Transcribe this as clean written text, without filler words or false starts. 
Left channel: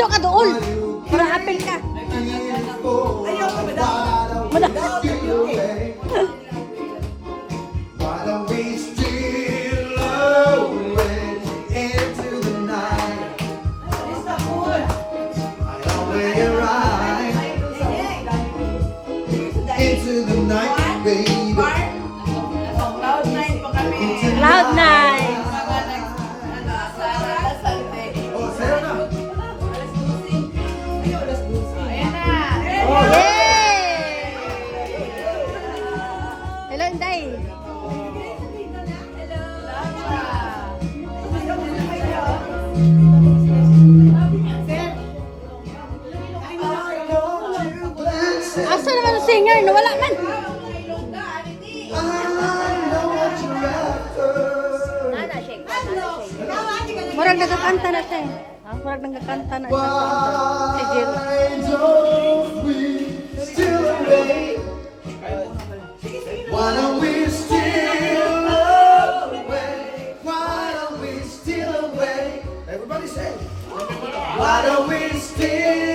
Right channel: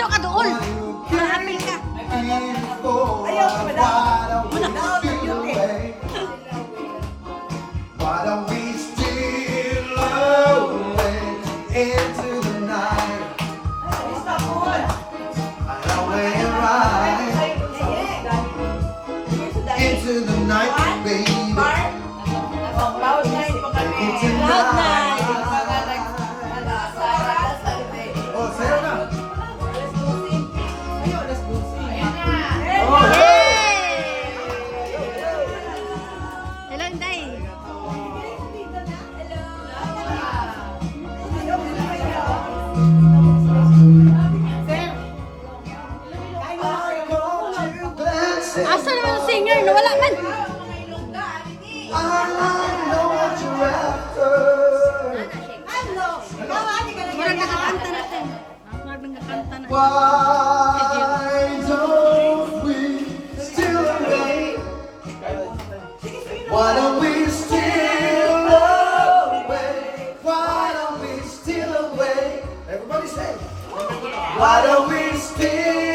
Dito ka doon. Para apel ka. Ayaw ka madam. Why don't we steal away into the night? Away right into the night, baby. Cloud 9 po kami. Cloud nine. Oh, sa'yo na. Yay! Hello, Inday. Asa naman ang singer? Nawala man. Murag nagkakanta na siya. Murag nagkakanta na siya. Si Jill. Why don't we steal away? Why don't we steal away? Why don't we steal away? Everybody say. Why don't we steal